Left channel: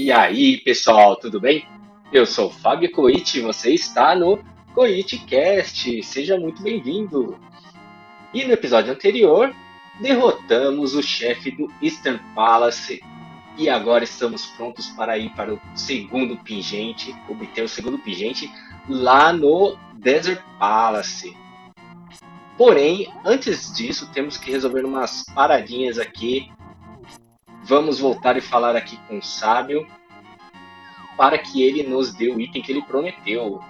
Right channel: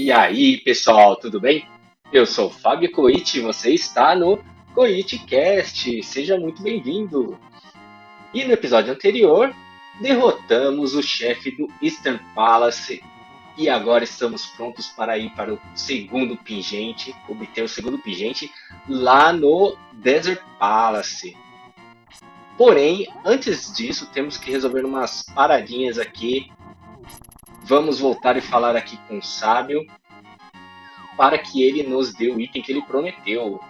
E aí, pessoal, tudo bem? Eu sou o Fábio Coit e você está no CoitCast. Seja muito bem-vindo. E no episódio anterior, derrotamos o chefe do Eastern Palace e agora estamos prontos para ir para o segundo pingente, obter o segundo pingente lá no Desert Palace. Porém, antes disso, temos que resolver umas paradinhas aqui. Vamos voltar e falar aqui com o Sábio para que ele nos dê o item que ele prometeu.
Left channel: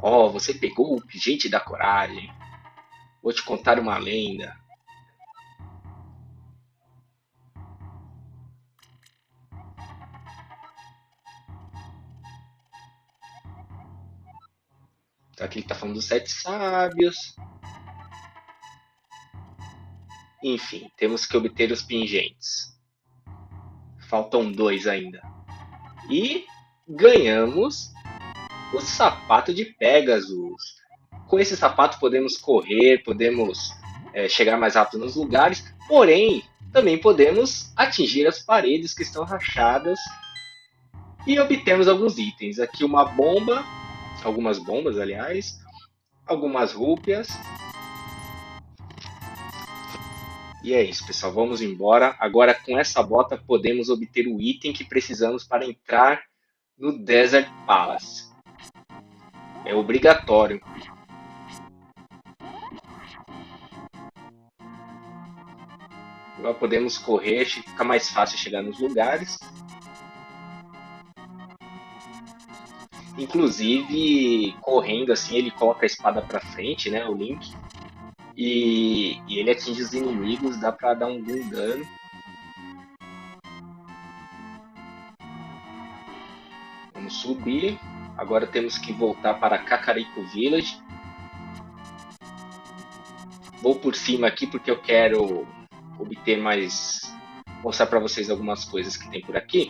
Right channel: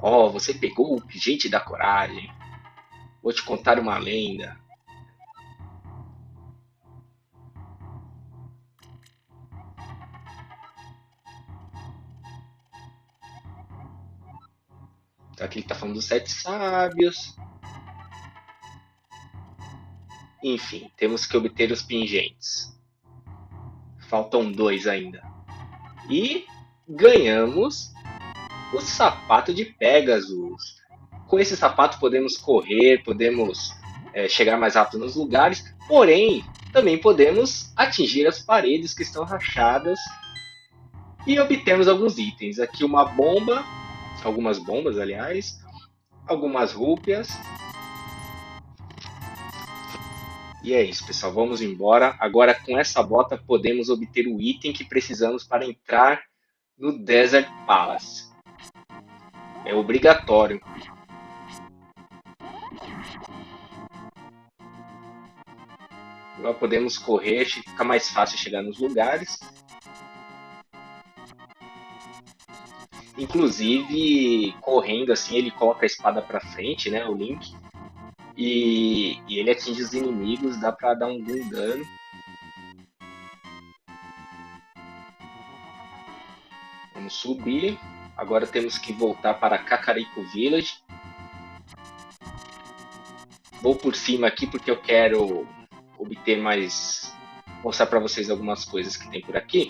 Oh, você pegou o pingente da coragem. Vou te contar uma lenda. Aqui ele tá falando dos sete sábios. Enfim, temos que obter os pingentes. Faltam dois ainda. E ganhamos o azul. Com esse sapato podemos correr, podemos chegar mais rápido nos lugares, porém também podemos atingir as paredes que estão rachadas e obtemos alguns itens. Aqui uma bomba, algumas bombas, aliás, algumas rúpias. E é isso, pessoal. Vamos embora. Agora, com essa bota, podemos obter o item que precisamos para entrar no Desert Palace. É obrigatório. Agora podemos correr, fica mais fácil chegar nos lugares. Inclusive, correndo assim, ele coloca a espada para frente, né? O Link. E ele atinge os inimigos, dá para dar algum dano. Vamos subir. Agora temos que voltar para Kakariko Village. Vou por cima aqui porque eu quero obter mais. Mostrar para vocês algumas coisas que tem por aqui.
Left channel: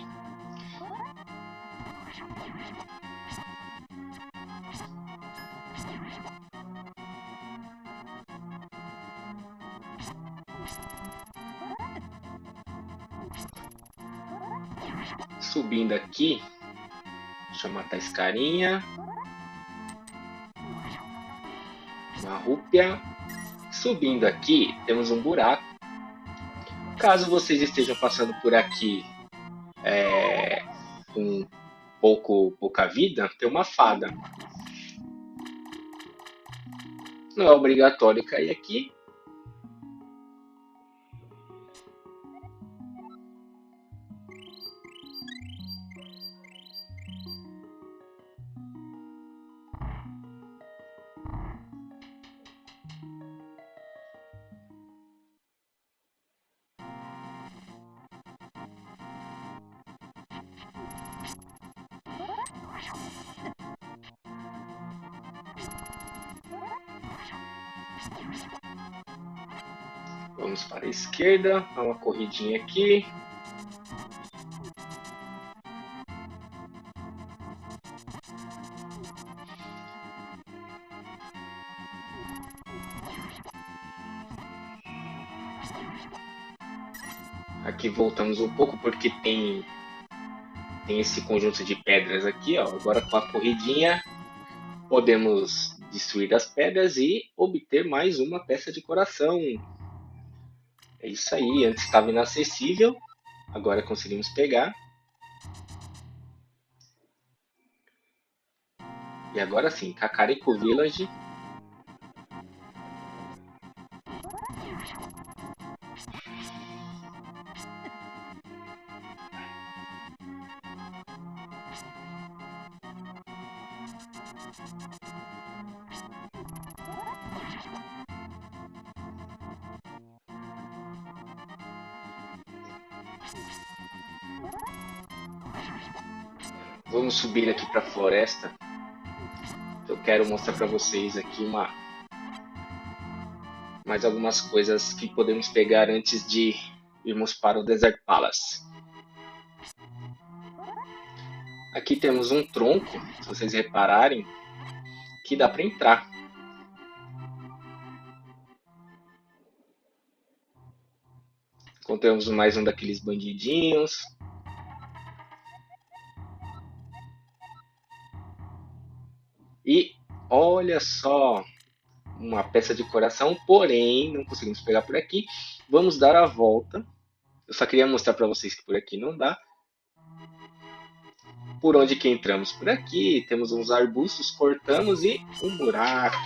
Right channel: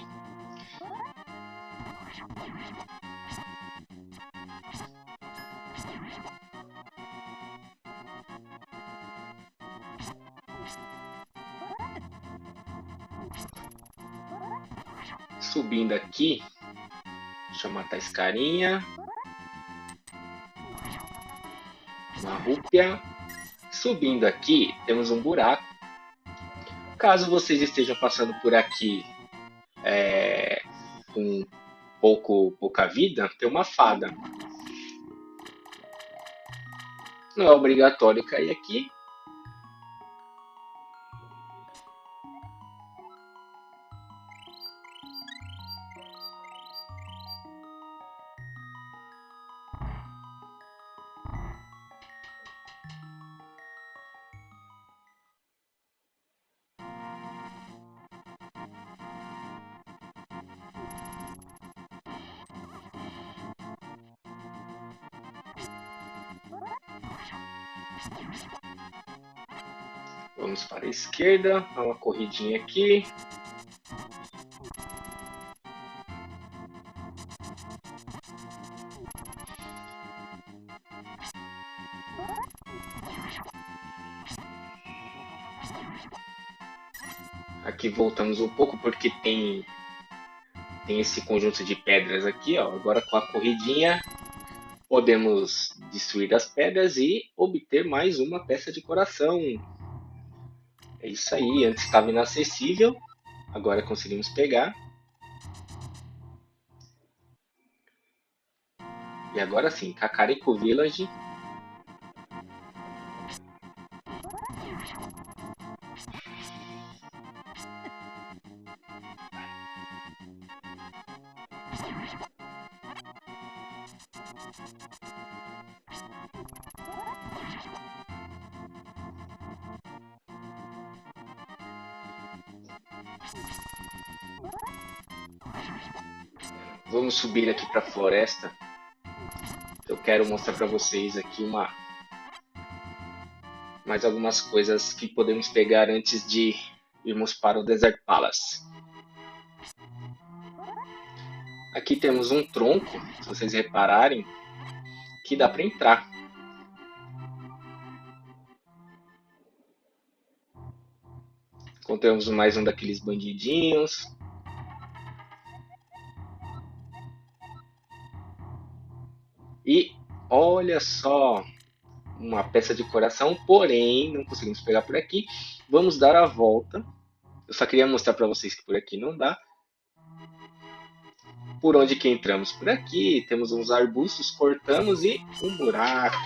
Subindo aqui. Deixa eu matar esse carinha. Uma rúpia. Subindo aqui, temos um buraco. Caso vocês estejam passando por aqui com pouca vida, tem uma fada. Não é obrigatório cair aqui. Vamos para a esquerda, dá uma corridinha aqui. Aqui voltamos um pouco porque tem esse conjunto de pedras aqui, ó. Agora com a corridinha podemos destruir as pedras e obter mais uma peça de coração. É isso aí, antes estava inacessível, agora conseguimos pegar. E agora sim, Kakariko Village. Vamos subir aqui para a floresta. Eu quero mostrar para vocês aqui mais algumas coisas que podemos pegar antes de irmos para o Desert Palace. Aqui temos um tronco, se vocês repararem, que dá para entrar. Encontramos mais um daqueles bandidinhos. E olha só, uma peça de coração, porém não conseguimos pegar por aqui. Vamos dar a volta. Eu só queria mostrar para vocês que por aqui não dá. Por onde que entramos? Por aqui. Temos uns arbustos, cortamos e um buraco.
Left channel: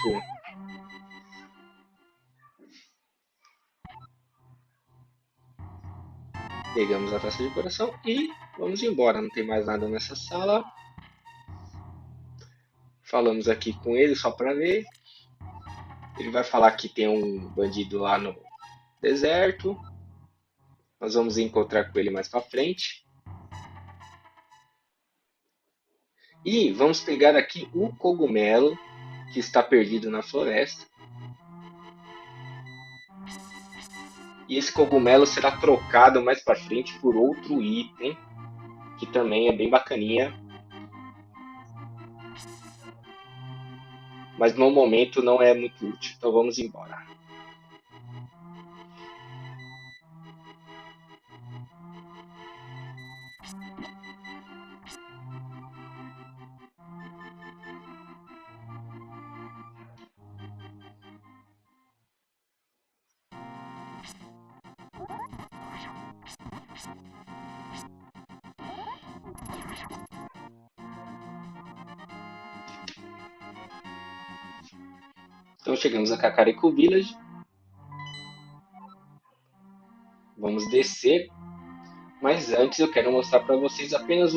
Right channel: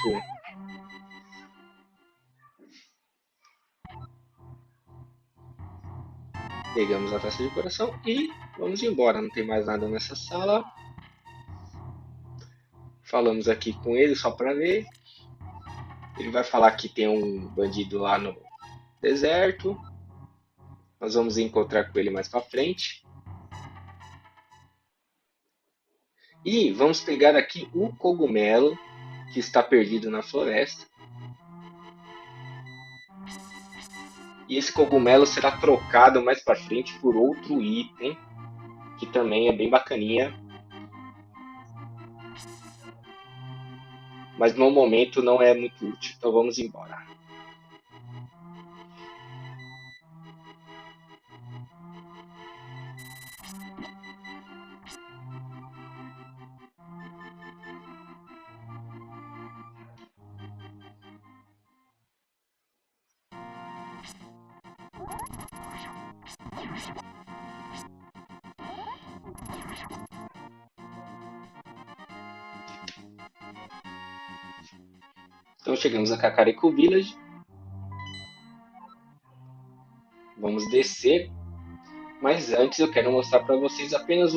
Pegamos a taça de coração e vamos embora. Não tem mais nada nessa sala. Falamos aqui com ele só para ver. Ele vai falar que tem um deserto. Nós vamos encontrar com ele mais para frente. E vamos pegar aqui o cogumelo que está perdido na floresta. E esse cogumelo será trocado mais para frente por outro item, que também é bem bacaninha. Mas no momento não é muito útil. Então vamos embora. Então chegamos a Kakariko Village. Vamos descer. Mas antes eu quero mostrar para vocês apenas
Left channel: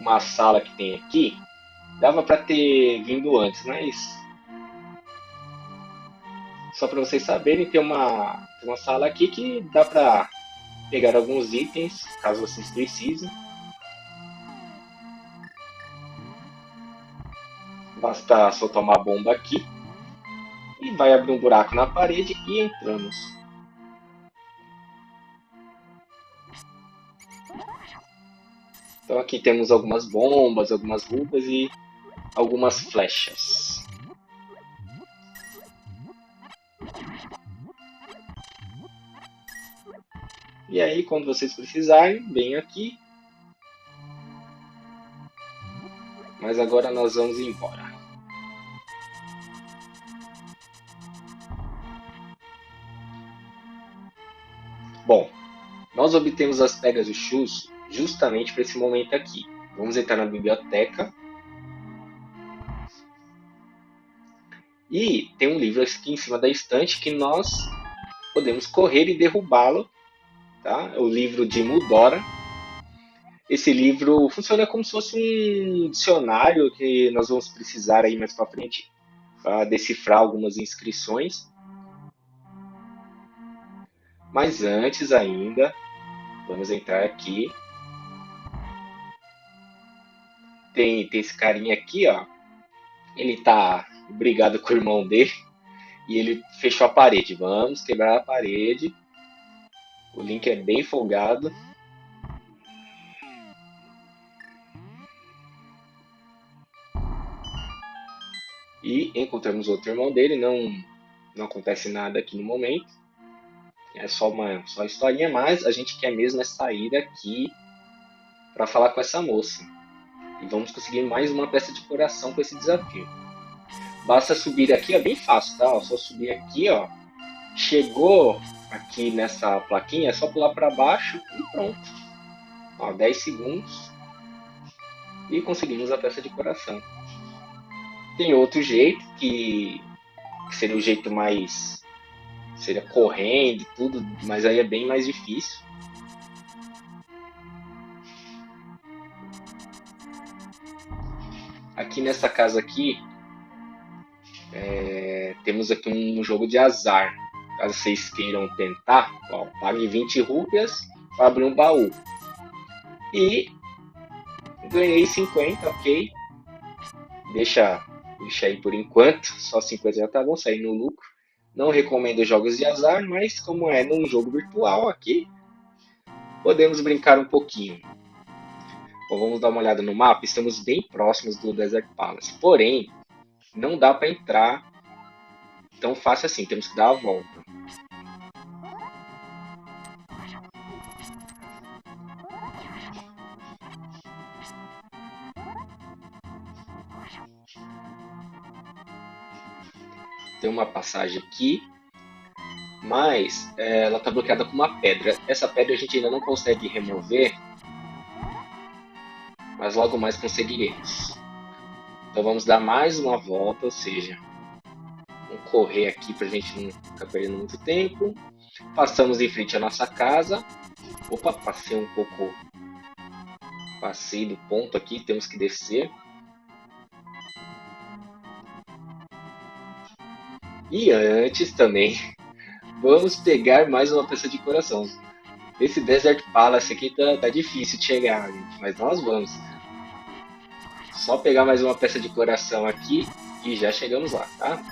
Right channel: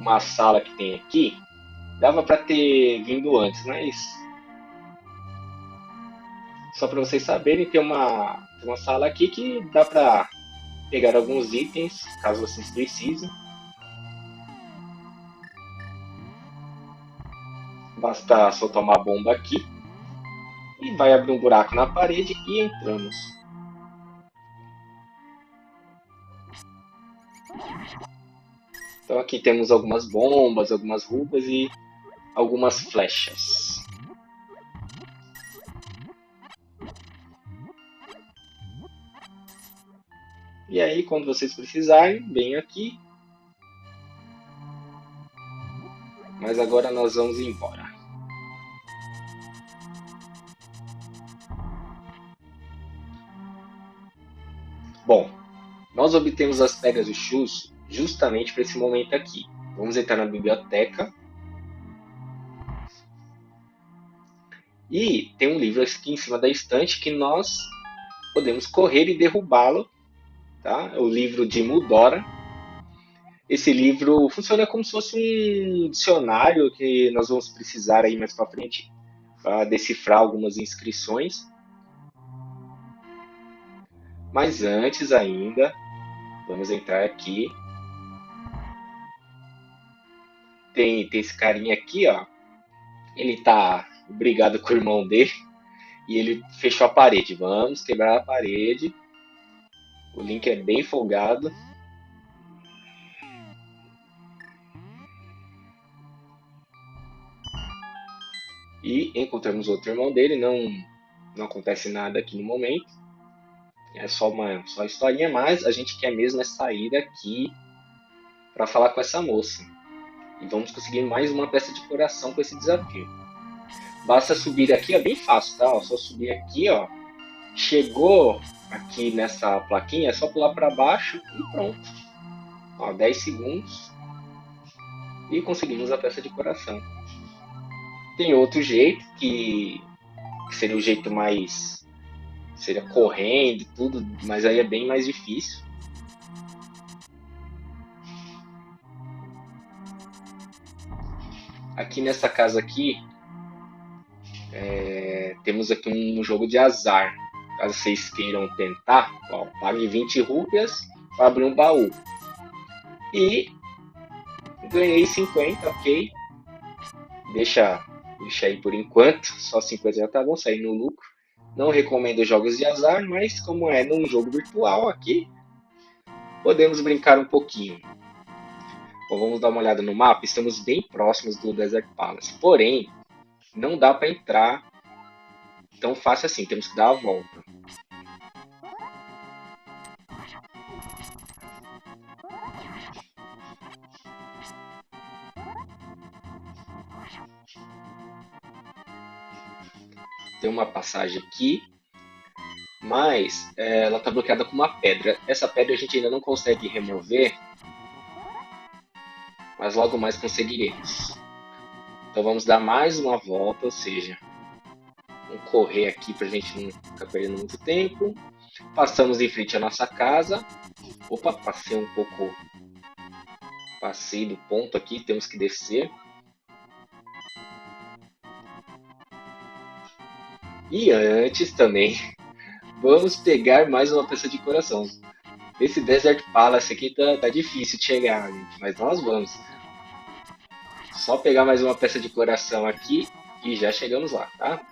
uma sala que tem aqui. Dava para ter vindo antes, mas só para vocês saberem, tem uma sala aqui que dá para pegar alguns itens, caso vocês precisem. Basta soltar uma bomba aqui e vai abrir um buraco na parede e entramos. Então aqui temos algumas bombas, algumas roupas e algumas flechas. E aí, quando vocês precisarem, vem aqui. Mas agora nós vamos embora. Bom, nós obtemos as Pegasus justamente para esse momento aqui. Vamos entrar na biblioteca. E tem um livro aqui em cima da estante que nós podemos correr e derrubá-lo. Tá? É o livro de Mudora. Esse livro funciona como se fosse um dicionário que nós vamos precisar aí mais para frente para decifrar algumas inscrições. Mas antes ainda, vamos entrar aqui. Tem esse carinha aqui, ó. Ele tá brigado com o irmão dele e ele fechou a parede. Vamos quebrar a parede. O Link é bem folgado. E encontramos outro irmão dele. Não acontece nada aqui no momento. É só historinha, mas a gente quer mesmo é sair daqui para falar com essa moça. E vamos conseguir mais uma peça de coração com esse desafio. Basta subir aqui, é bem fácil, tá? É só subir aqui, ó. Aqui nessa plaquinha, é só pular para baixo e pronto. Ó, 10 segundos. E conseguimos a peça de coração. Tem outro jeito que seria um jeito mais... seria correndo e tudo, mas aí é bem mais difícil. Aqui nessa casa aqui, temos aqui um jogo de azar. Caso vocês queiram tentar, ó, pague 20 rúpias para abrir um baú. E ganhei 50, ok? Deixa aí por enquanto, só 50 já tá bom, sair no lucro. Não recomendo jogos de azar, mas como é num jogo virtual aqui, podemos brincar um pouquinho. Bom, vamos dar uma olhada no mapa, estamos bem próximos do Desert Palace, porém, não dá para entrar tão fácil assim, temos que dar a volta. tem uma passagem aqui, mas ela está bloqueada com uma pedra. Essa pedra a gente ainda não consegue remover, mas logo mais conseguiremos. Então vamos dar mais uma volta, ou seja, vamos correr aqui para a gente não ficar perdendo muito tempo. Passamos em frente à nossa casa. Opa, passei um pouco. Passei do ponto aqui, temos que descer. E antes também, vamos pegar mais uma peça de coração. Esse Desert Palace aqui tá difícil de chegar, mas nós vamos. Só pegar mais uma peça de coração aqui e já chegamos lá, tá?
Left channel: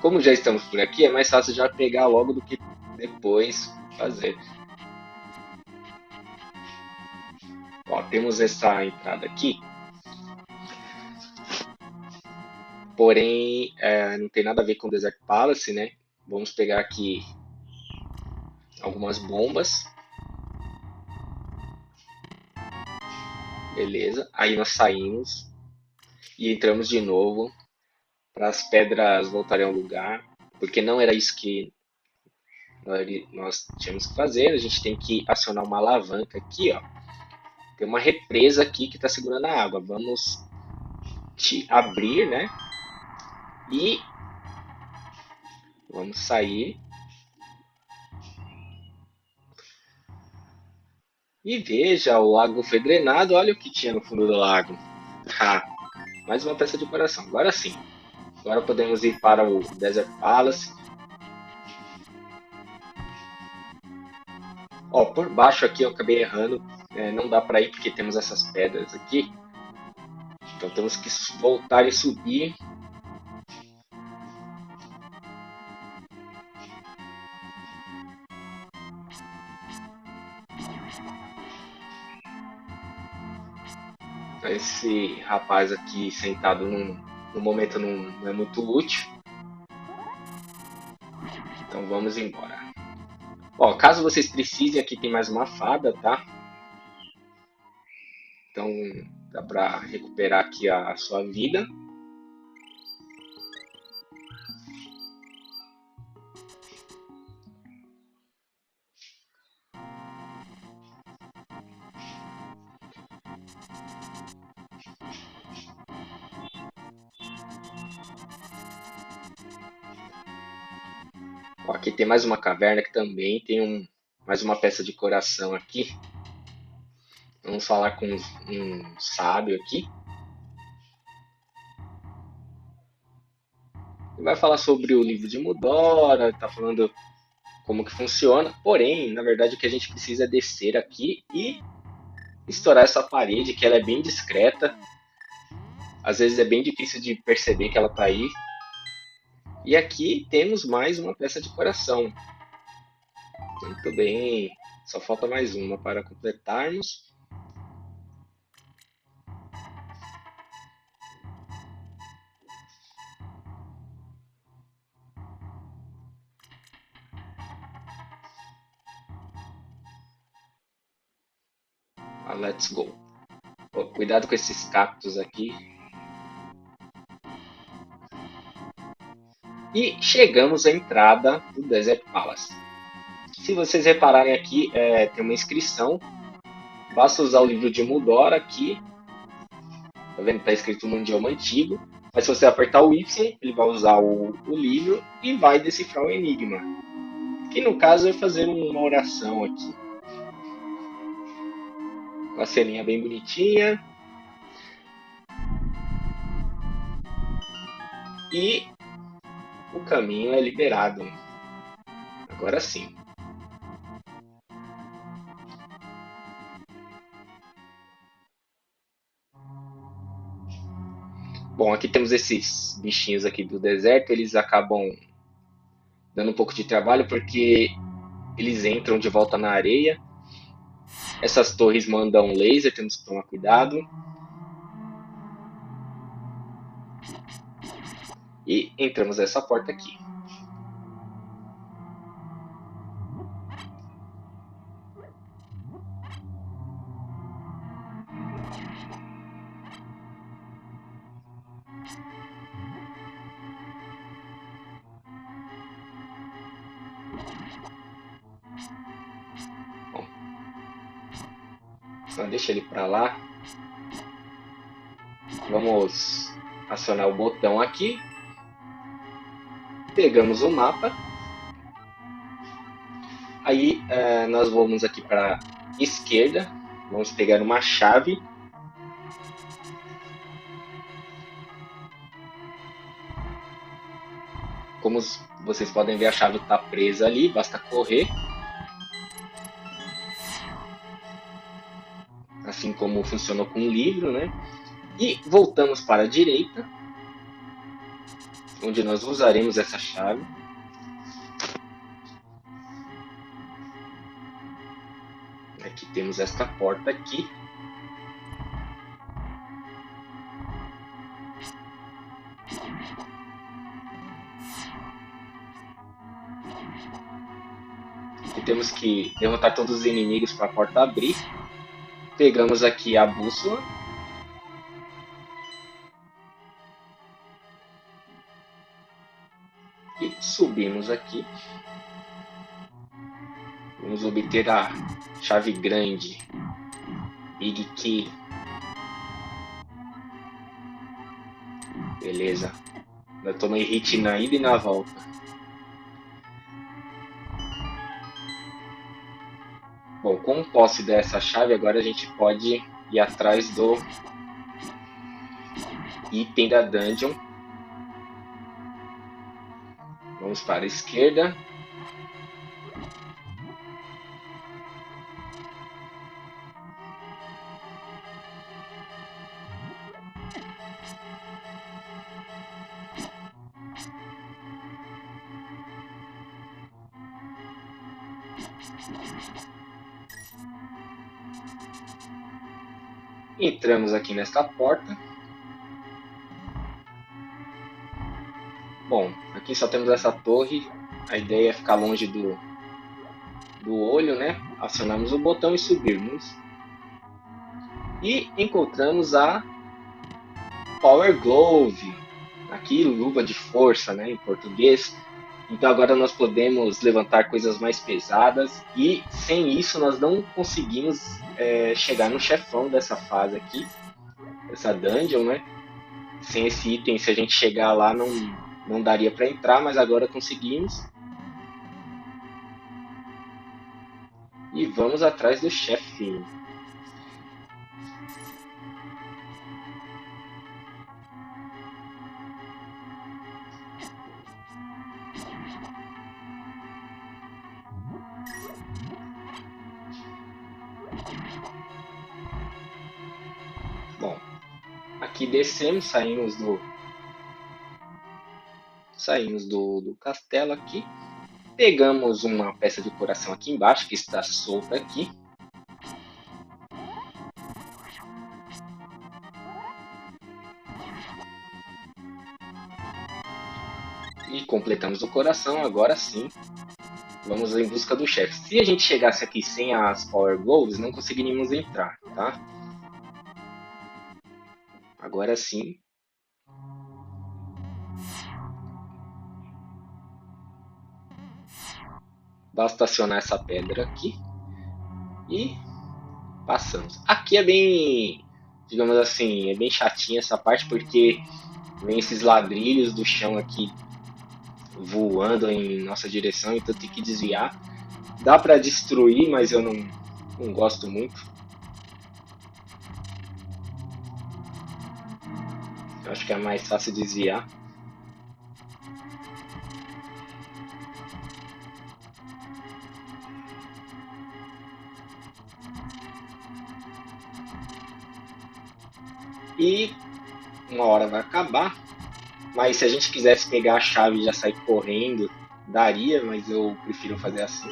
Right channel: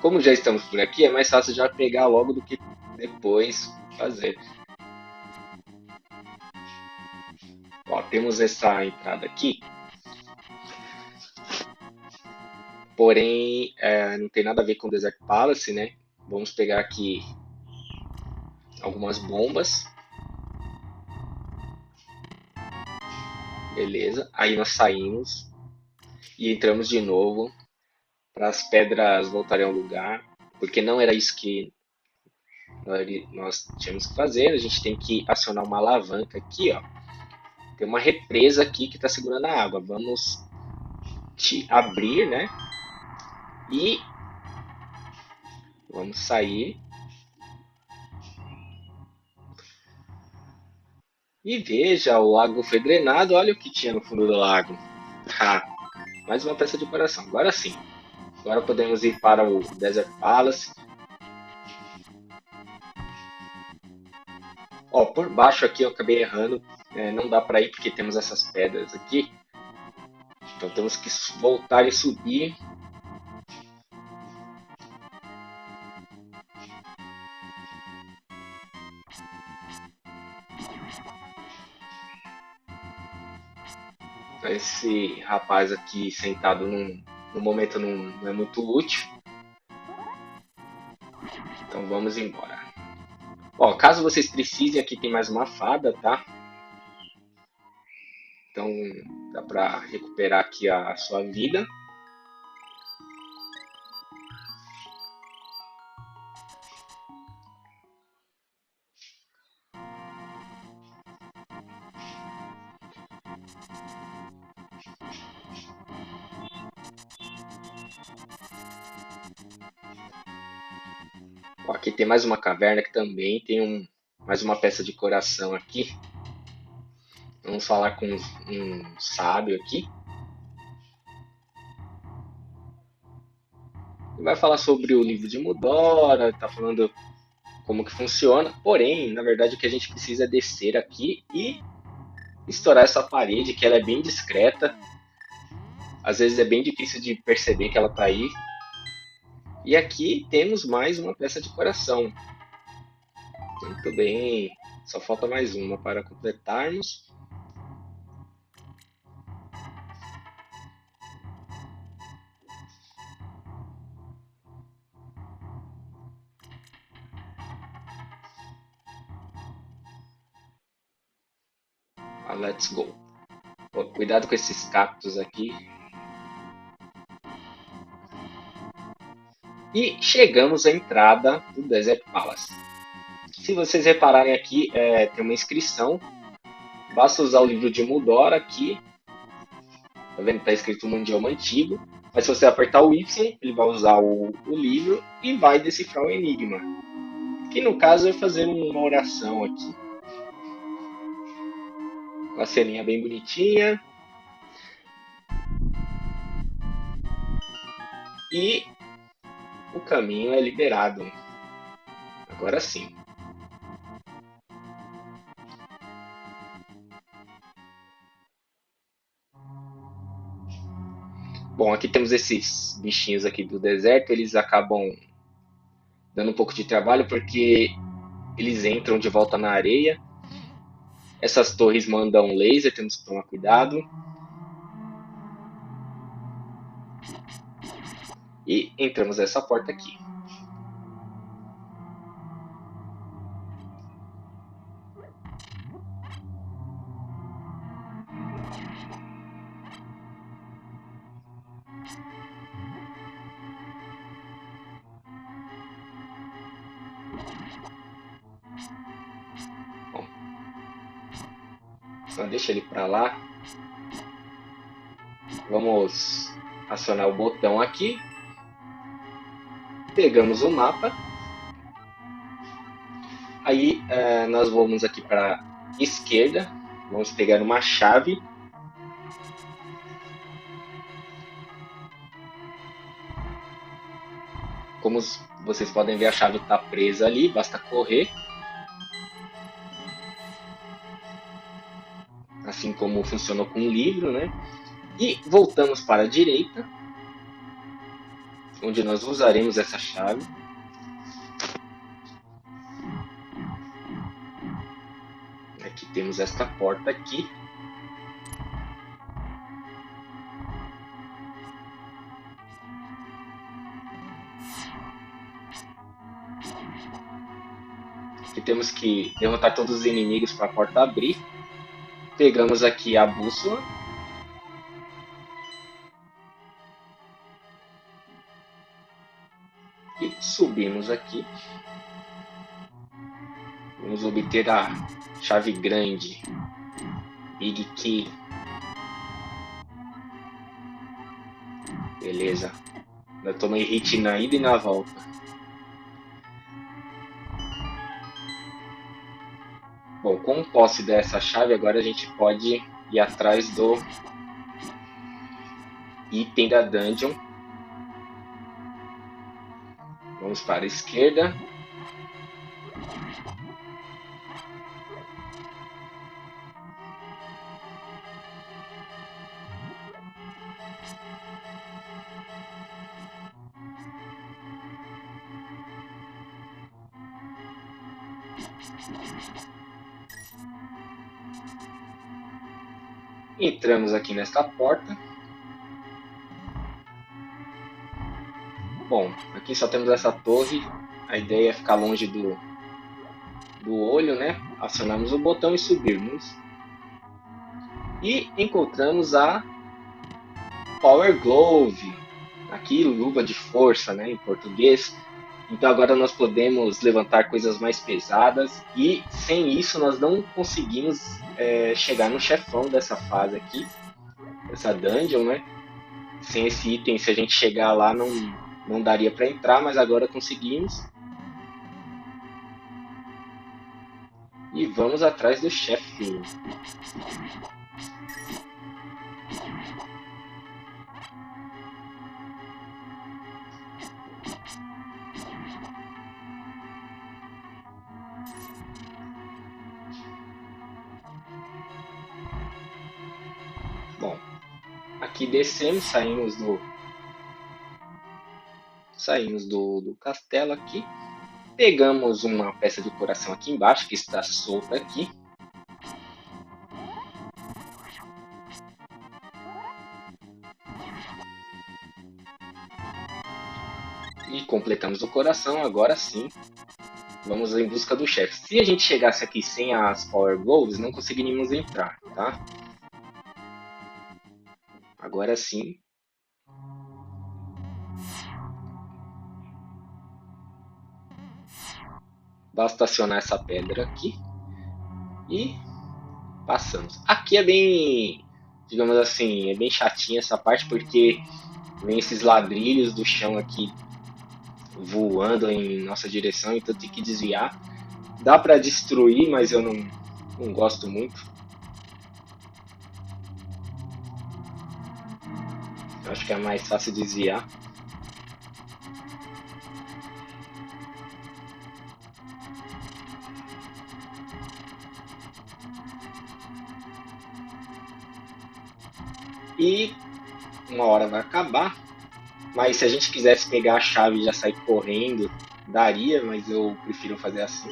Como já estamos por aqui, é mais fácil já pegar logo do que depois fazer. Ó, temos essa entrada aqui, porém não tem nada a ver com o Desert Palace, né? Vamos pegar aqui algumas bombas. Beleza, aí nós saímos e entramos de novo para as pedras voltarem ao lugar, porque não era isso que nós tínhamos que fazer. A gente tem que acionar uma alavanca aqui, ó. Tem uma represa aqui que está segurando a água. Vamos abrir, né? E vamos sair. E veja, o lago foi drenado. Olha o que tinha no fundo do lago. Mais uma peça de coração. Agora sim. Agora podemos ir para o Desert Palace. Ó, por baixo aqui eu acabei errando. Não dá para ir porque temos essas pedras aqui. Então temos que voltar e subir. Esse rapaz aqui sentado no momento não é muito útil. Então vamos embora. Ó, caso vocês precisem, aqui tem mais uma fada, tá? Então dá pra recuperar aqui a sua vida. Ó, aqui tem mais uma caverna que também tem mais uma peça de coração aqui. Vamos falar com um sábio aqui. Ele vai falar sobre o livro de Mudora, tá falando como que funciona. Porém, na verdade, o que a gente precisa é descer aqui e estourar essa parede, que ela é bem discreta. Às vezes é bem difícil de perceber que ela está aí. E aqui temos mais uma peça de coração. Muito bem, só falta mais uma para completarmos. Let's go. Cuidado com esses cactos aqui. E chegamos à entrada do Desert Palace. Se vocês repararem aqui, tem uma inscrição. Basta usar o livro de Mudora aqui. Tá vendo que está escrito um idioma antigo. Mas se você apertar o Y, ele vai usar o livro e vai decifrar o enigma. Que no caso é fazer uma oração aqui. Uma ceninha bem bonitinha. E o caminho é liberado. Agora sim. Bom, aqui temos esses bichinhos aqui do deserto, eles acabam dando um pouco de trabalho porque eles entram de volta na areia. Essas torres mandam laser, temos que tomar cuidado. E entramos nessa porta aqui. Vamos acionar o botão aqui. Pegamos o mapa. Aí nós vamos aqui para a esquerda. Vamos pegar uma chave. Como vocês podem ver, a chave está presa ali. Basta correr. Assim como funcionou com o livro, né? E voltamos para a direita, onde nós usaremos essa chave. Aqui temos esta porta aqui. E temos que derrotar todos os inimigos para a porta abrir. Pegamos aqui a bússola. E subimos aqui. Vamos obter a chave grande. Big Key. Beleza. Eu tomei hit na ida e na volta. Bom, com posse dessa chave, agora a gente pode ir atrás do item da dungeon. Vamos para a esquerda. Entramos aqui nesta porta. Bom, aqui só temos essa torre. A ideia é ficar longe do olho, né? Acionamos o botão e subirmos. E encontramos a Power Glove. Aqui, luva de força, né? Em português. Então agora nós podemos levantar coisas mais pesadas. E sem isso nós não conseguimos chegar no chefe aqui. Essa dungeon, né? Sem esse item, se a gente chegar lá, não daria para entrar, mas agora conseguimos. E vamos atrás do chefe. Bom, aqui descemos, saímos do castelo aqui. Pegamos uma peça de coração aqui embaixo, que está solta aqui. E completamos o coração, agora sim. Vamos em busca do chefe. Se a gente chegasse aqui sem as Power Gloves, não conseguiríamos entrar, tá? Agora sim. Basta acionar essa pedra aqui. E passamos. Aqui é bem, digamos assim, é bem chatinha essa parte, porque vem esses ladrilhos do chão aqui voando em nossa direção, então tem que desviar. Dá pra destruir, mas eu não gosto muito. Eu acho que é mais fácil desviar. E uma hora vai acabar. Mas se a gente quisesse pegar a chave e já sair correndo, daria, mas eu prefiro fazer assim.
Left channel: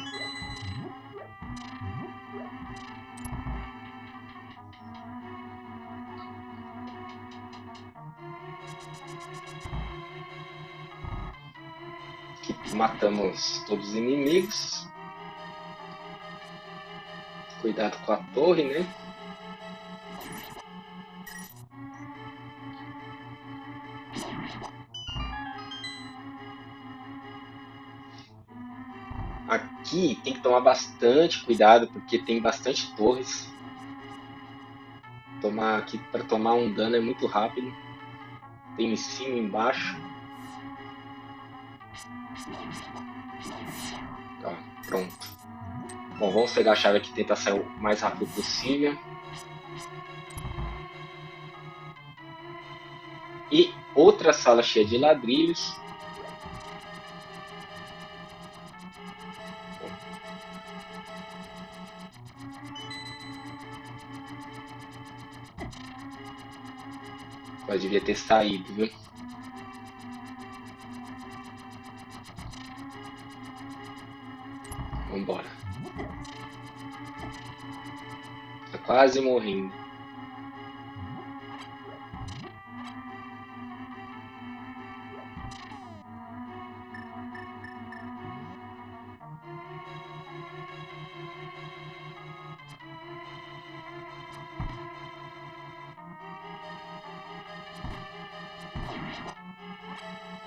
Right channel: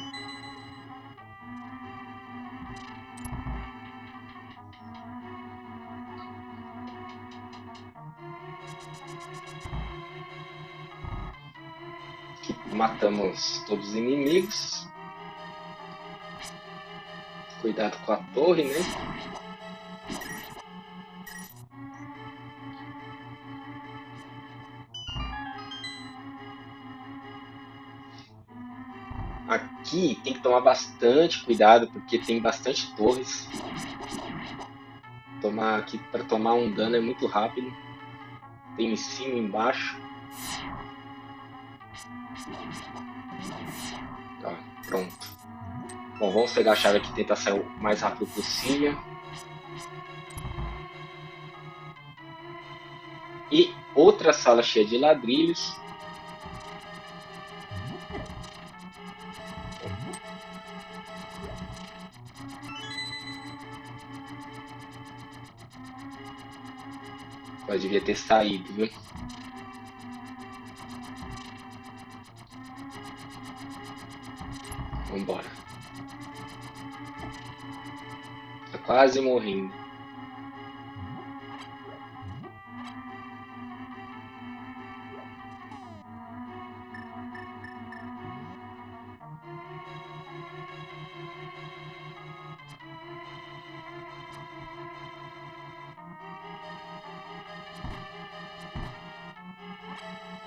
Matamos todos os inimigos. Cuidado com a torre, né? Aqui tem que tomar bastante cuidado porque tem bastante torres. Tomar aqui para tomar um dano é muito rápido. Tem em cima e embaixo. Tá, pronto. Bom, vamos pegar a chave aqui e tentar sair o mais rápido possível. E outra sala cheia de ladrilhos. Eu devia ter saído, viu? Vambora. Tá quase morrendo.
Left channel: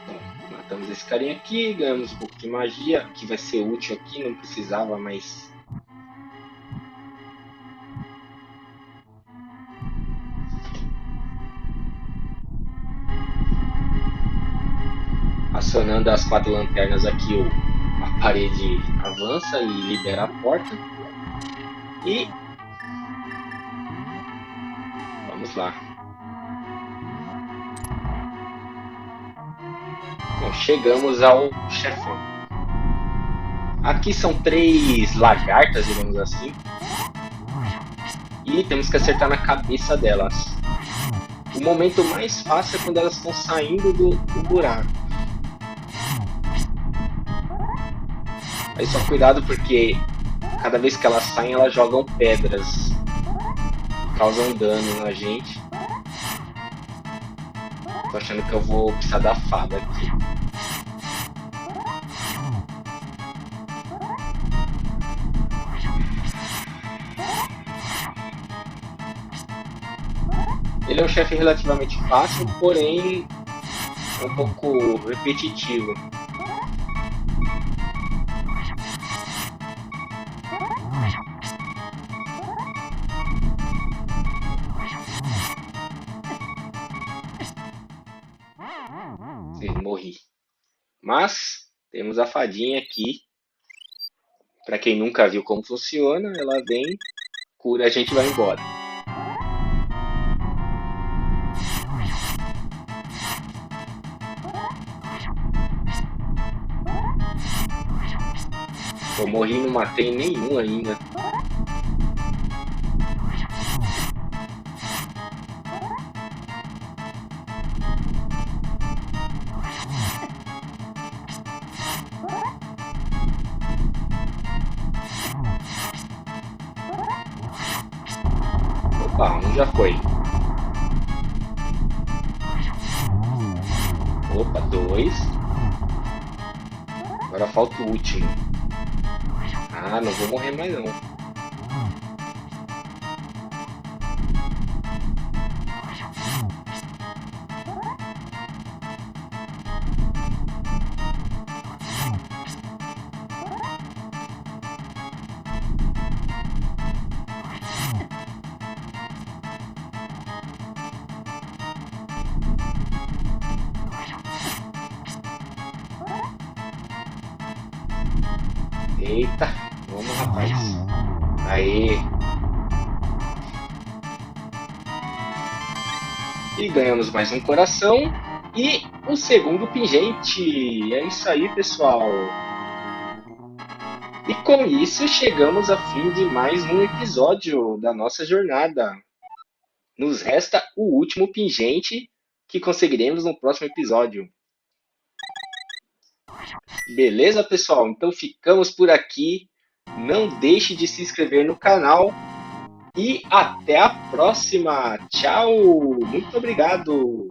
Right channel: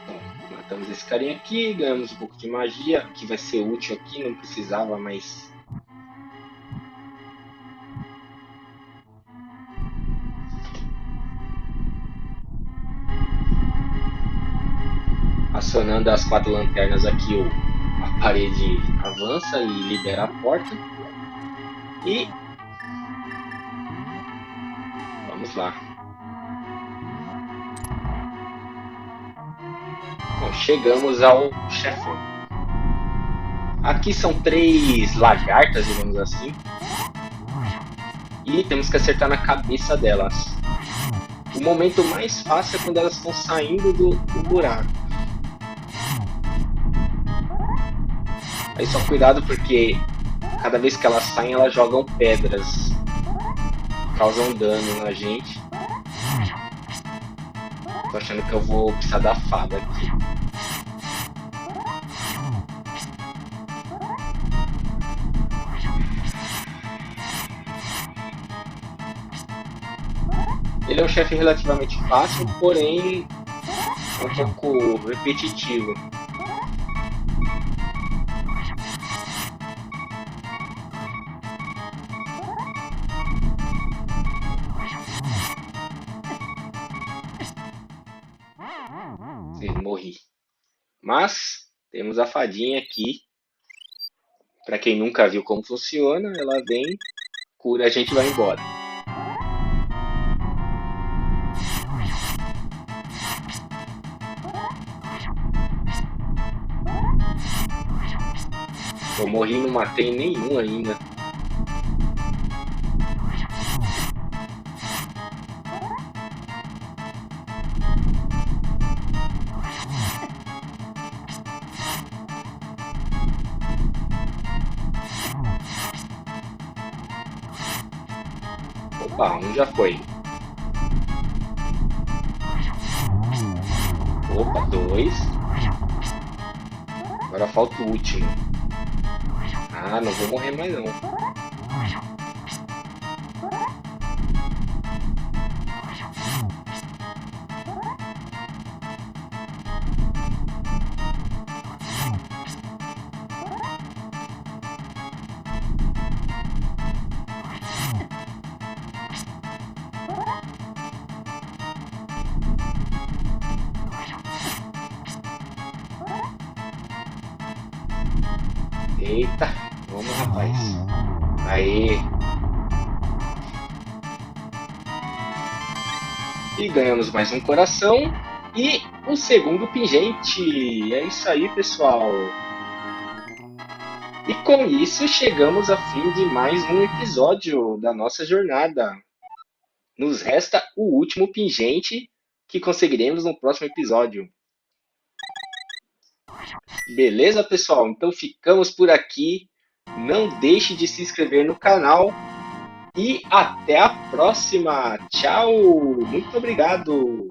Matamos esse carinha aqui, ganhamos um pouco de magia, que vai ser útil aqui, não precisava, mas... Acionando as 4 lanternas aqui, o e vamos lá. Então, chegamos ao chefe. Aqui são 3 lagartas, digamos assim. E temos que acertar na cabeça delas. O momento mais fácil é quando elas estão saindo do buraco. Cuidado porque cada vez que elas saem, elas jogam pedras. Causam dano na gente. Tô achando que eu vou precisar da fada aqui. Ele é um chefe relativamente fácil, porém um pouco repetitivo. Sim, morri. Mas temos a fadinha aqui. Para quem nunca viu como funciona, ela vem, cura, a gente vai embora. Opa, um já foi. Opa, 2. Agora falta o último. Ah, não vou morrer mais não. Eita, aí. E ganhamos mais um coração e o segundo pingente. É isso aí, pessoal. E com isso chegamos ao fim de mais um episódio da nossa jornada. Nos resta o último pingente que conseguiremos no próximo episódio. Beleza, pessoal? Então ficamos por aqui. Não deixe de se inscrever no canal. E até a próxima. Tchau. Muito obrigado.